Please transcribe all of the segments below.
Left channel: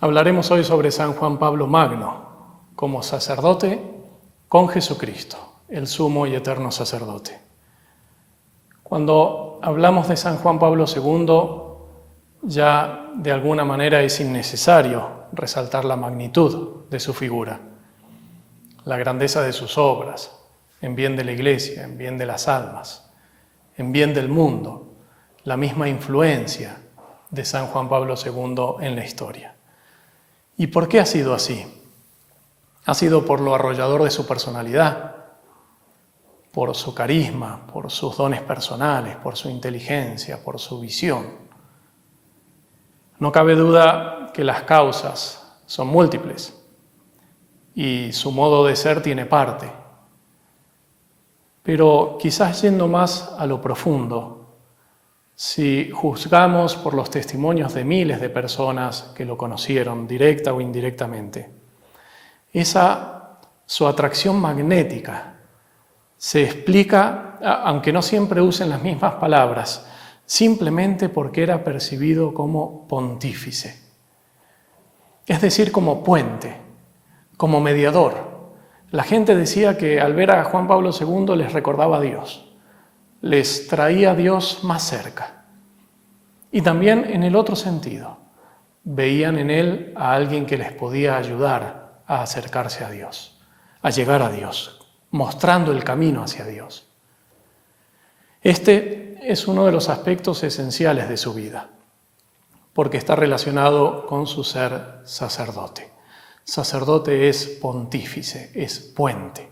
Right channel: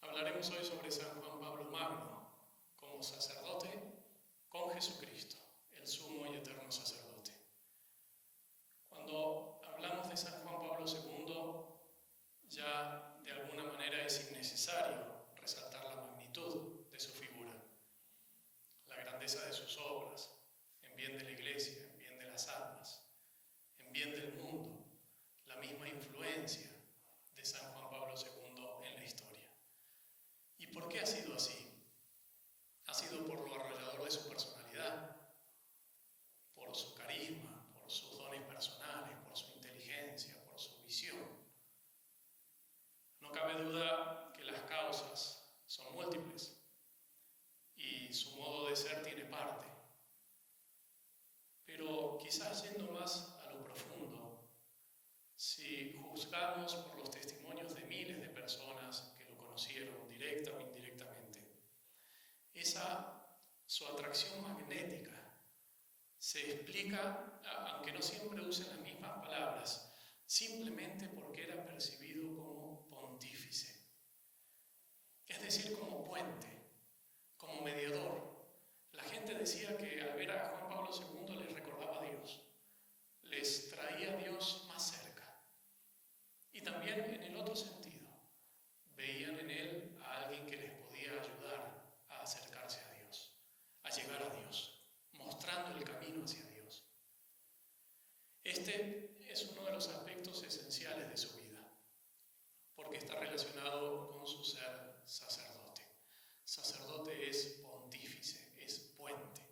Hablaremos hoy sobre San Juan Pablo Magno, como sacerdote con Jesucristo, el sumo y eterno sacerdote. Cuando hablamos de San Juan Pablo II, ya de alguna manera es innecesario resaltar la magnitud de su figura, la grandeza de sus obras, en bien de la Iglesia, en bien de las almas, en bien del mundo, la misma influencia de San Juan Pablo II en la historia. ¿Y por qué ha sido así? Ha sido por lo arrollador de su personalidad, por su carisma, por sus dones personales, por su inteligencia, por su visión. No cabe duda que las causas son múltiples y su modo de ser tiene parte. Pero quizás yendo más a lo profundo, si juzgamos por los testimonios de miles de personas que lo conocieron, directa o indirectamente, su atracción magnética se explica, aunque no siempre usen las mismas palabras, simplemente porque era percibido como pontífice, es decir, como puente, como mediador. La gente decía que al ver a Juan Pablo II les recordaba a Dios, les traía a Dios más cerca. Y también en el otro sentido, veían en él a alguien que les podía ayudar a acercarse a Dios, a llegar a Dios, mostrando el camino hacia Dios. Este es uno de los aspectos esenciales de su vida, porque está relacionado con su ser sacerdote. Sacerdote es pontífice, es puente.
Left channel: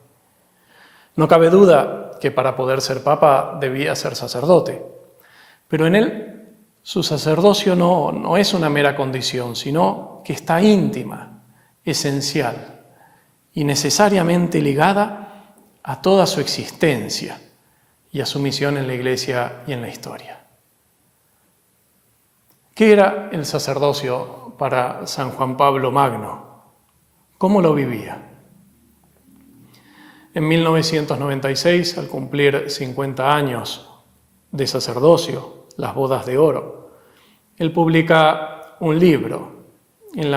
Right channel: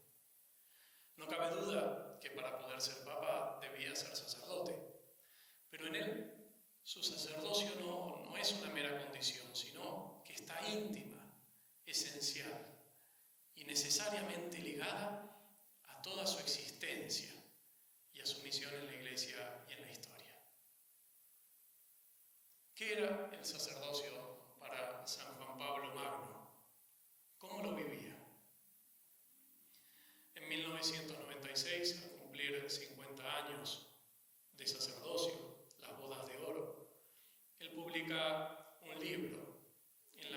No cabe duda que para poder ser papa debía ser sacerdote, pero en él su sacerdocio no es una mera condición, sino que está íntima, esencial y necesariamente ligada a toda su existencia y a su misión en la Iglesia y en la historia. ¿Qué era el sacerdocio para San Juan Pablo Magno? ¿Cómo lo vivía? En 1996, al cumplir 50 años de sacerdocio, Las bodas de oro, él publica un libro en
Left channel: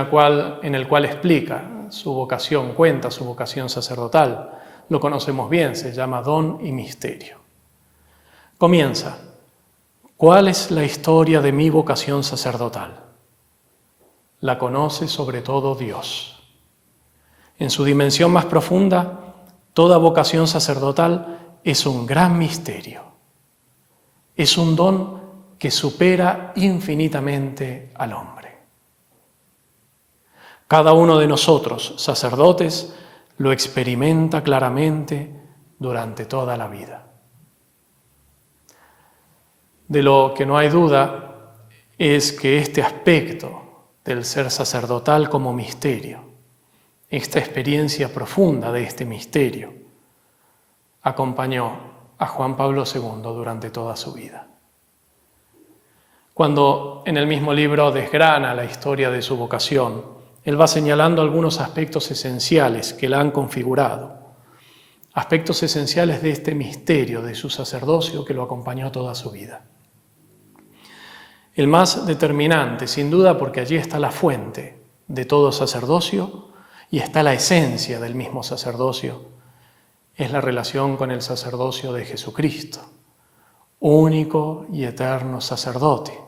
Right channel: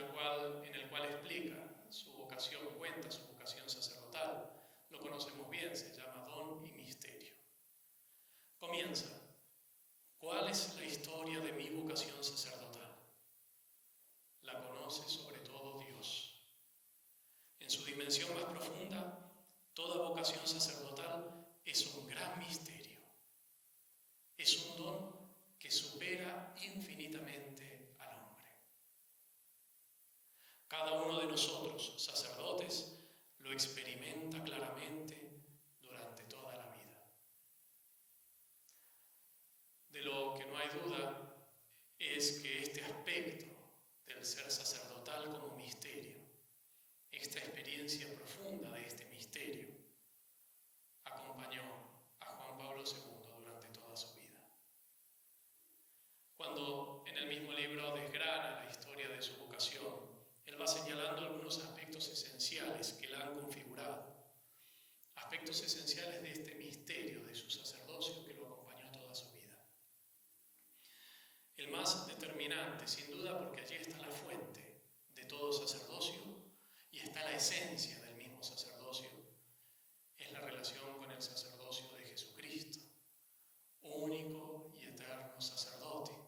el cual explica su vocación, cuenta su vocación sacerdotal. Lo conocemos bien, se llama Don y Misterio. Comienza: ¿cuál es la historia de mi vocación sacerdotal? La conoce sobre todo Dios. En su dimensión más profunda, toda vocación sacerdotal es un gran misterio. Es un don que supera infinitamente al hombre. Cada uno de nosotros, sacerdotes, lo experimenta claramente durante toda la vida. De lo que no hay duda es que este aspecto del ser sacerdotal como misterio, esta experiencia profunda de este misterio, acompañó a Juan Pablo II durante toda su vida. Cuando en el mismo libro desgrana la historia de su vocación, él va señalando algunos aspectos esenciales que la han configurado, aspectos esenciales de este misterio de su sacerdocio que lo acompañó toda su vida. El más determinante, sin duda, porque allí está la fuente de todo sacerdocio y está la esencia del mismo sacerdocio, es la relación con el sacerdocio de Jesucristo, único y eterno sacerdote.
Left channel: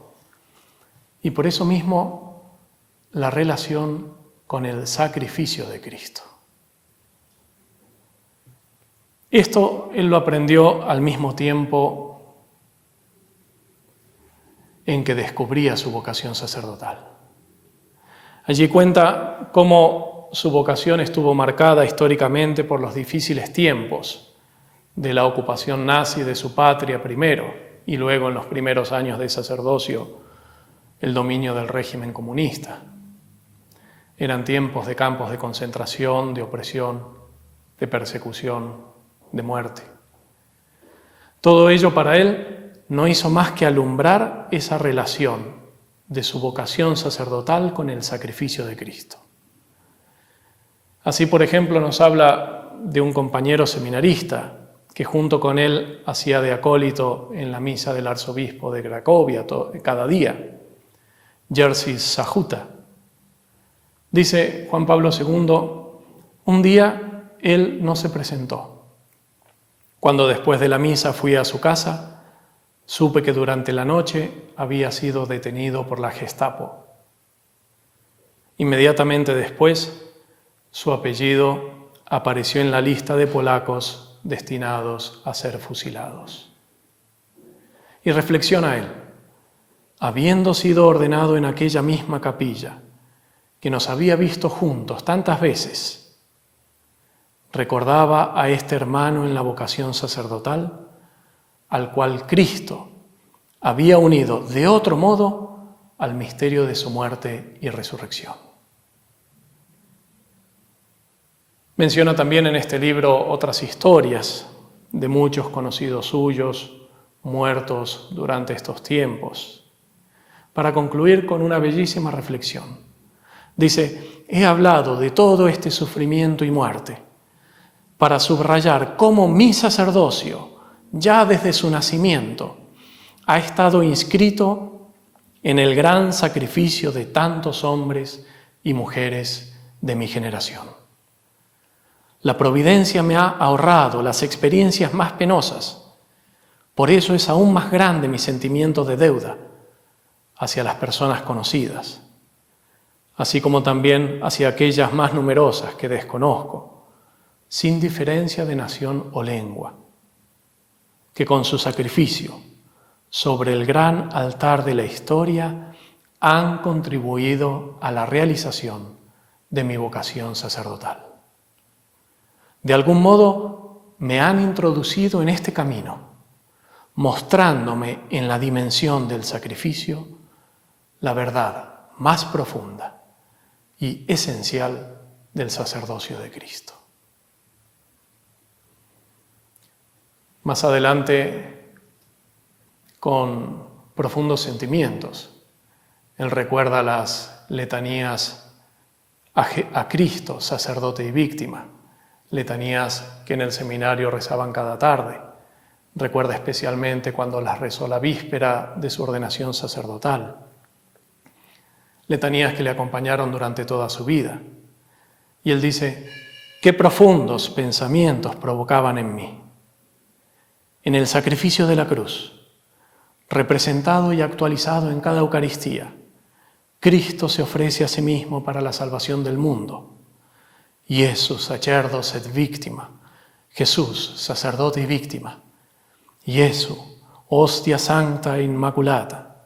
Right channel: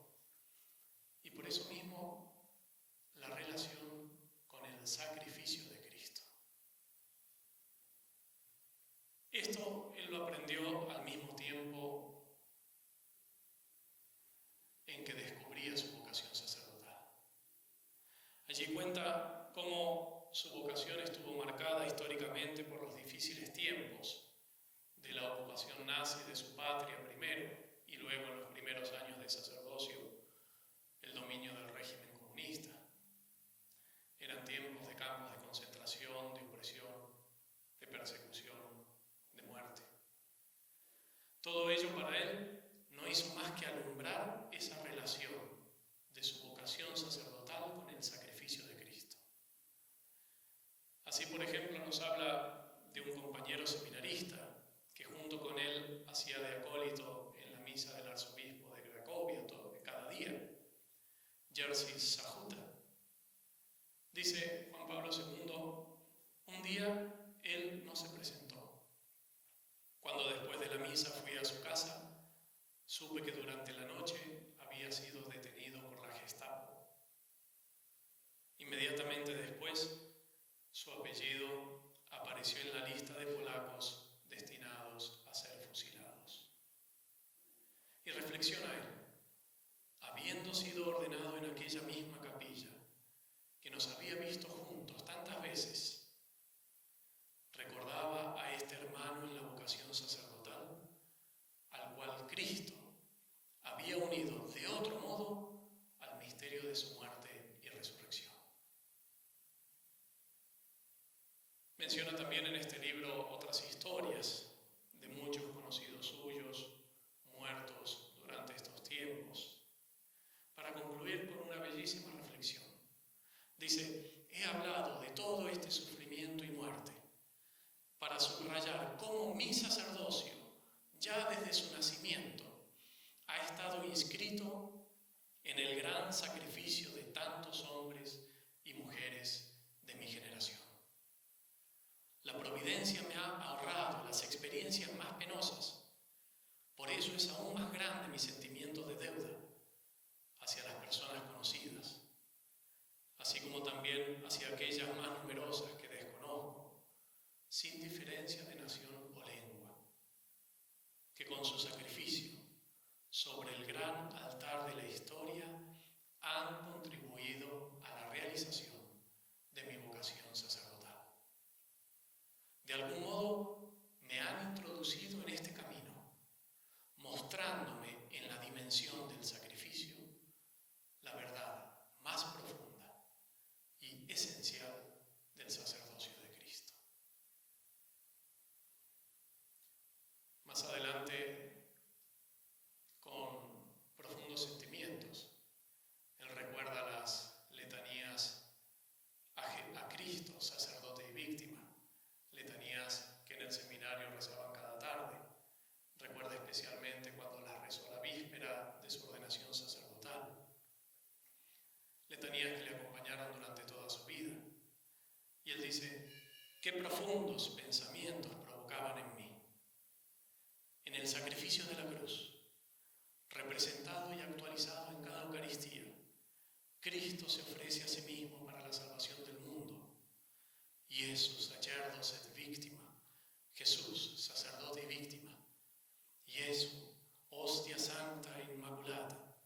Y por eso mismo la relación con el sacrificio de Cristo. Esto él lo aprendió al mismo tiempo en que descubría su vocación sacerdotal. Allí cuenta cómo su vocación estuvo marcada históricamente por los difíciles tiempos de la ocupación nazi de su patria primero y luego en los primeros años de sacerdocio el dominio del régimen comunista. Eran tiempos de campos de concentración, de opresión, de persecución, de muerte. Todo ello para él no hizo más que alumbrar esa relación de su vocación sacerdotal con el sacrificio de Cristo. Así, por ejemplo, nos habla de un compañero seminarista que junto con él hacía de acólito en la misa del arzobispo de Cracovia cada día, Jerzy Sajuta. Dice Juan Pablo II, un día él no se presentó. Cuando después de la misa fui a su casa, supe que durante la noche había sido detenido por la Gestapo. Inmediatamente después, su apellido apareció en la lista de polacos destinados a ser fusilados. Y reflexiona él, habiendo sido ordenado en aquella misma capilla, que nos había visto juntos tantas veces, recordaba a este hermano en la vocación sacerdotal, al cual Cristo había unido de otro modo al misterio de su muerte y resurrección. Menciona también en este libro otras historias de muchos conocidos suyos muertos durante estos tiempos, para concluir con una bellísima reflexión. Dice, he hablado de todo este sufrimiento y muerte para subrayar cómo mi sacerdocio, ya desde su nacimiento, ha estado inscrito en el gran sacrificio de tantos hombres y mujeres de mi generación. La providencia me ha ahorrado las experiencias más penosas. Por eso es aún más grande mi sentimiento de deuda hacia las personas conocidas, así como también hacia aquellas más numerosas que desconozco, sin diferencia de nación o lengua, que con su sacrificio sobre el gran altar de la historia han contribuido a la realización de mi vocación sacerdotal. De algún modo me han introducido en este camino, mostrándome en la dimensión del sacrificio la verdad más profunda y esencial del sacerdocio de Cristo. Más adelante, con profundos sentimientos, él recuerda las letanías a Cristo, sacerdote y víctima, letanías que en el seminario rezaban cada tarde. Recuerda especialmente cuando las rezó la víspera de su ordenación sacerdotal. Letanías que le acompañaron durante toda su vida. Y él dice, qué profundos pensamientos provocaban en mí. En el sacrificio de la cruz, representado y actualizado en cada Eucaristía, Cristo se ofrece a sí mismo para la salvación del mundo. Jesús, sacerdos et víctima. Jesús, sacerdote y víctima. Jesús, hostia santa e inmaculata.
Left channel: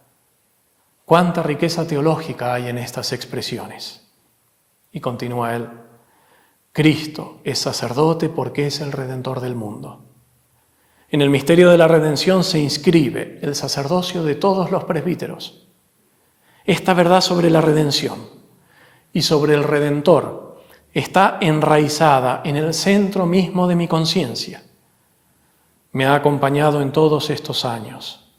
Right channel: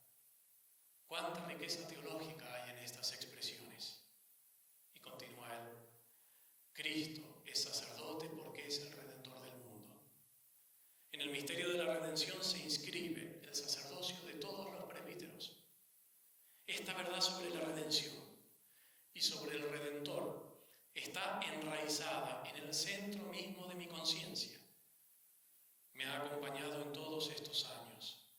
Cuánta riqueza teológica hay en estas expresiones. Y continúa él, Cristo es sacerdote porque es el Redentor del mundo. En el misterio de la redención se inscribe el sacerdocio de todos los presbíteros. Esta verdad sobre la redención y sobre el Redentor está enraizada en el centro mismo de mi conciencia. Me ha acompañado en todos estos años.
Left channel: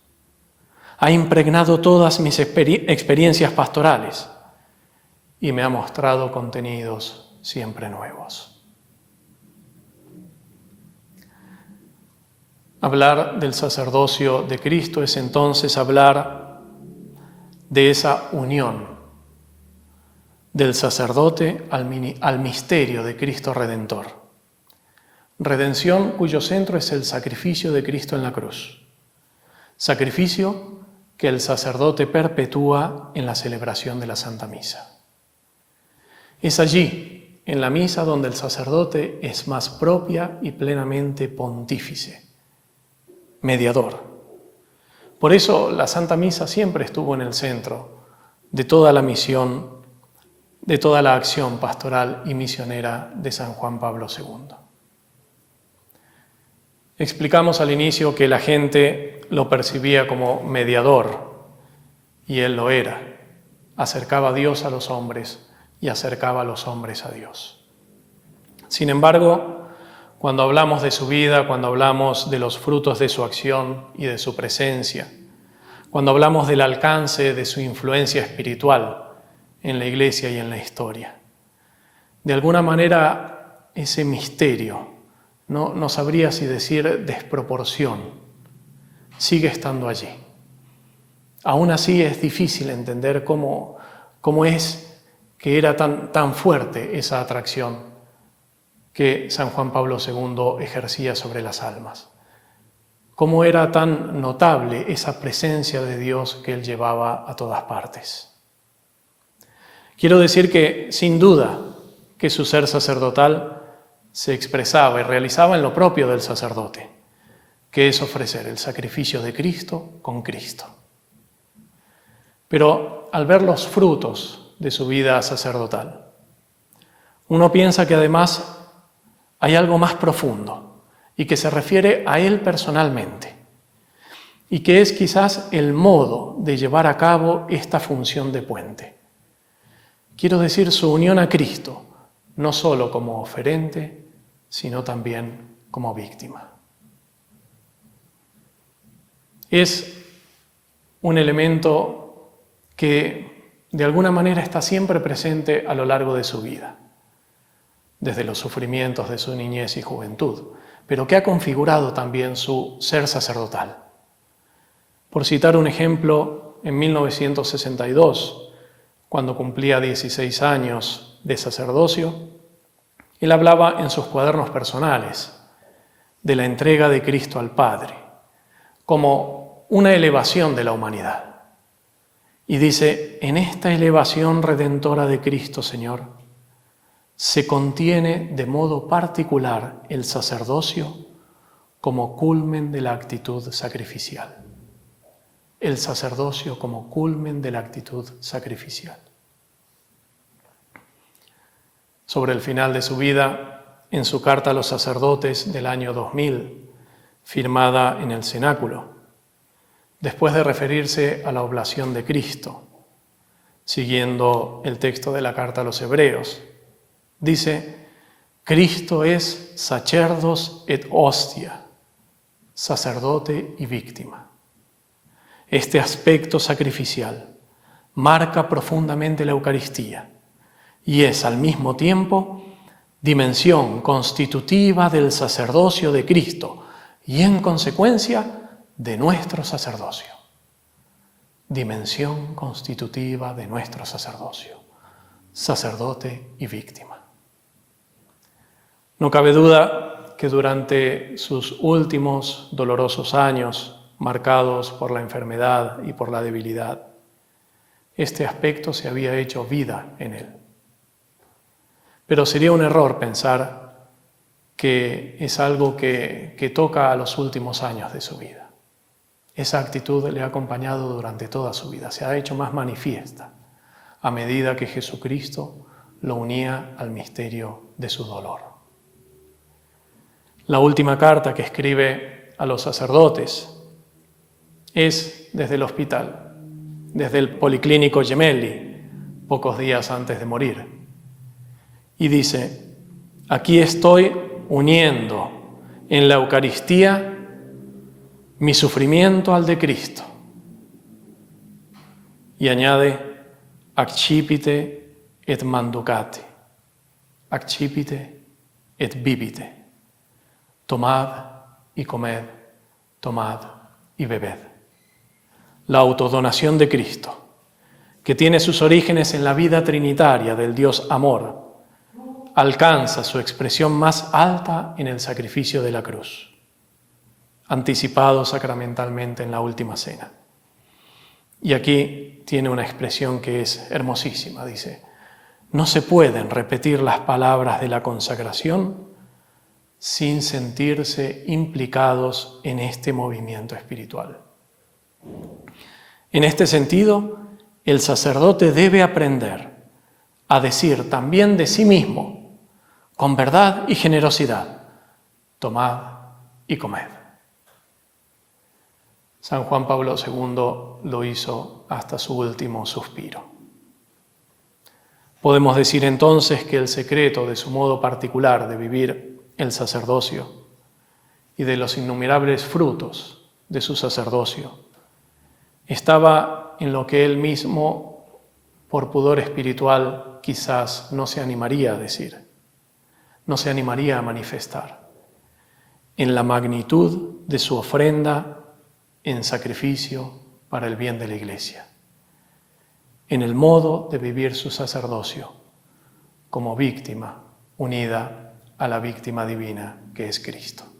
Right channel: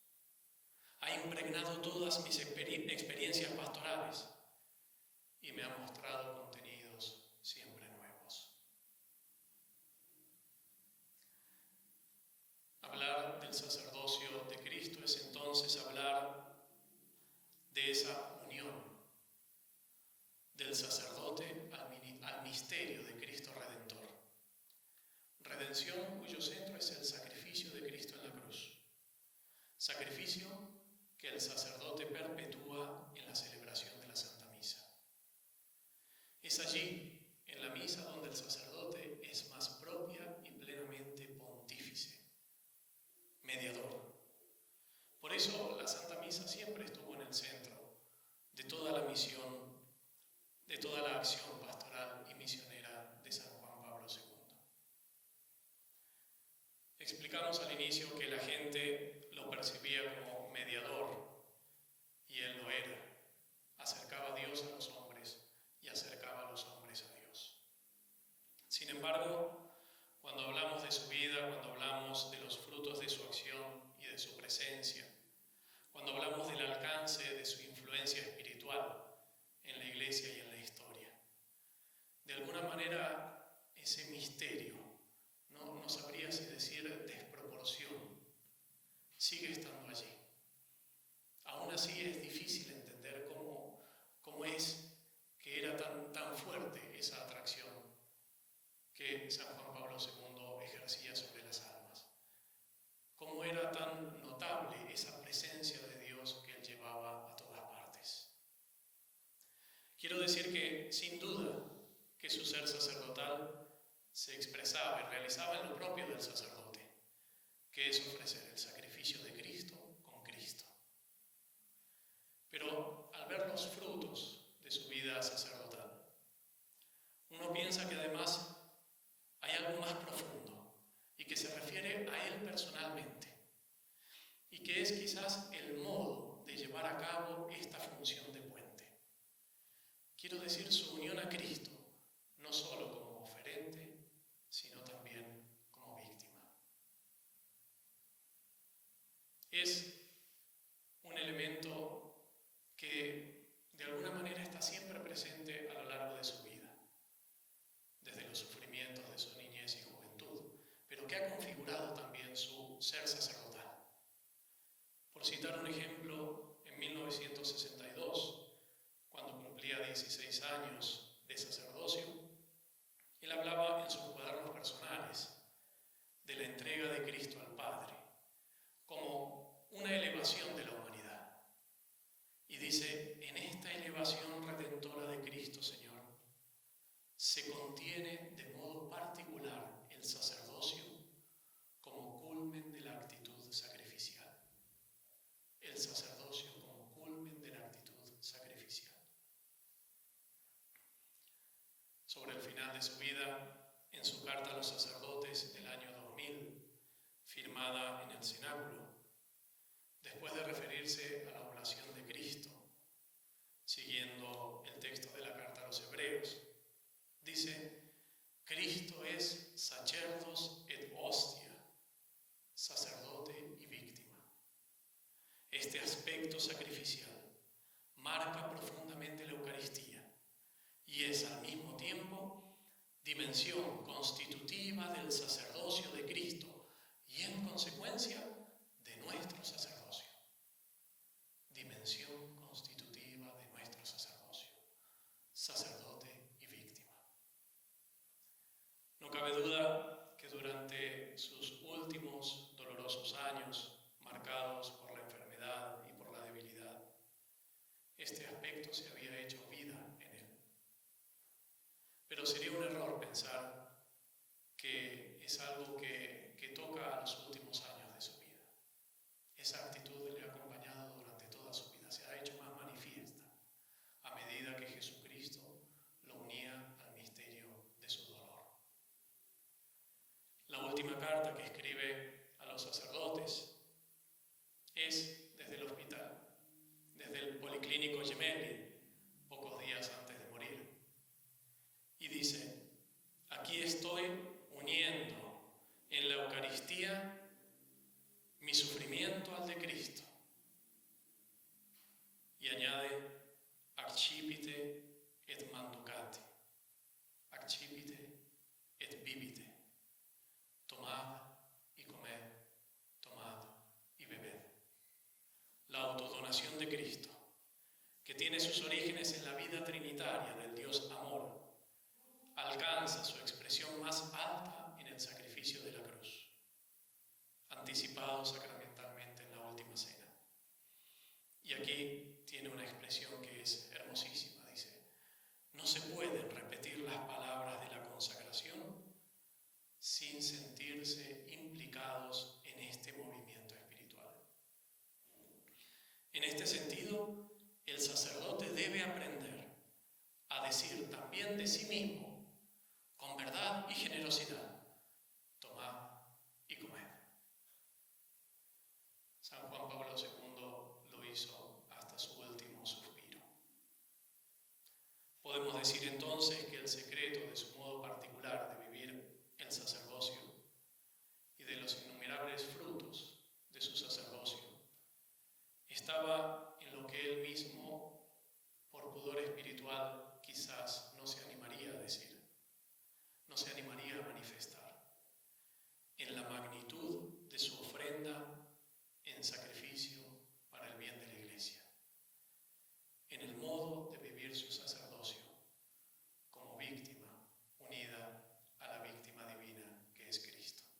Ha impregnado todas mis experiencias pastorales y me ha mostrado contenidos siempre nuevos. Hablar del sacerdocio de Cristo es entonces hablar de esa unión del sacerdote al misterio de Cristo Redentor. Redención cuyo centro es el sacrificio de Cristo en la cruz. Sacrificio que el sacerdote perpetúa en la celebración de la Santa Misa. Es allí, en la misa, donde el sacerdote es más propia y plenamente pontífice, mediador. Por eso la Santa Misa siempre estuvo en el centro de toda la misión, de toda la acción pastoral y misionera de San Juan Pablo II. Explicamos al inicio que la gente lo percibía como mediador, y él lo era. Acercaba a Dios a los hombres y acercaba a los hombres a Dios. Sin embargo, cuando hablamos de su vida, cuando hablamos de los frutos de su acción y de su presencia, cuando hablamos del alcance de su influencia espiritual en la Iglesia y en la historia, de alguna manera ese misterio, no sabría si decir desproporción, sigue estando allí. Aún así es difícil entender cómo es que era tan fuerte esa atracción que San Juan Pablo II ejercía sobre las almas. Cómo era tan notable esa presencia de Dios que él llevaba a todas partes. Quiero decir que, sin duda, que su ser sacerdotal se expresaba y realizaba en lo propio del sacerdote, que es ofrecer el sacrificio de Cristo con Cristo. Pero al ver los frutos de su vida sacerdotal, uno piensa que además hay algo más profundo y que se refiere a él personalmente y que es quizás el modo de llevar a cabo esta función de puente. Quiero decir, su unión a Cristo, no solo como oferente, sino también como víctima. Es un elemento que de alguna manera está siempre presente a lo largo de su vida, desde los sufrimientos de su niñez y juventud, pero que ha configurado también su ser sacerdotal. Por citar un ejemplo, en 1962, cuando cumplía 16 años de sacerdocio, él hablaba en sus cuadernos personales de la entrega de Cristo al Padre, como una elevación de la humanidad. Y dice, en esta elevación redentora de Cristo, Señor, se contiene de modo particular el sacerdocio como culmen de la actitud sacrificial. El sacerdocio como culmen de la actitud sacrificial. Sobre el final de su vida, en su carta a los sacerdotes del año 2000, firmada en el cenáculo, después de referirse a la oblación de Cristo, siguiendo el texto de la carta a los hebreos, dice, Cristo es sacerdos et hostia, sacerdote y víctima. Este aspecto sacrificial marca profundamente la Eucaristía y es al mismo tiempo dimensión constitutiva del sacerdocio de Cristo y en consecuencia de nuestro sacerdocio. Dimensión constitutiva de nuestro sacerdocio, sacerdote y víctima. No cabe duda que durante sus últimos dolorosos años, marcados por la enfermedad y por la debilidad, este aspecto se había hecho vida en él. Pero sería un error pensar que es algo que toca a los últimos años de su vida. Esa actitud le ha acompañado durante toda su vida, se ha hecho más manifiesta a medida que Jesucristo lo unía al misterio de su dolor. La última carta que escribe a los sacerdotes es desde el hospital, desde el Policlínico Gemelli, pocos días antes de morir. Y dice, aquí estoy uniendo en la Eucaristía mi sufrimiento al de Cristo. Y añade, accipite et manducate, accipite et bibite. Tomad y comed, tomad y bebed. La autodonación de Cristo, que tiene sus orígenes en la vida trinitaria del Dios Amor, alcanza su expresión más alta en el sacrificio de la cruz, anticipado sacramentalmente en la última cena. Y aquí tiene una expresión que es hermosísima, dice, no se pueden repetir las palabras de la consagración sin sentirse implicados en este movimiento espiritual. En este sentido, el sacerdote debe aprender a decir también de sí mismo, con verdad y generosidad, tomad y comed. San Juan Pablo II lo hizo hasta su último suspiro. Podemos decir entonces que el secreto de su modo particular de vivir el sacerdocio y de los innumerables frutos de su sacerdocio estaba en lo que él mismo, por pudor espiritual, quizás no se animaría a decir, no se animaría a manifestar, en la magnitud de su ofrenda en sacrificio para el bien de la Iglesia, en el modo de vivir su sacerdocio, como víctima unida a la víctima divina que es Cristo.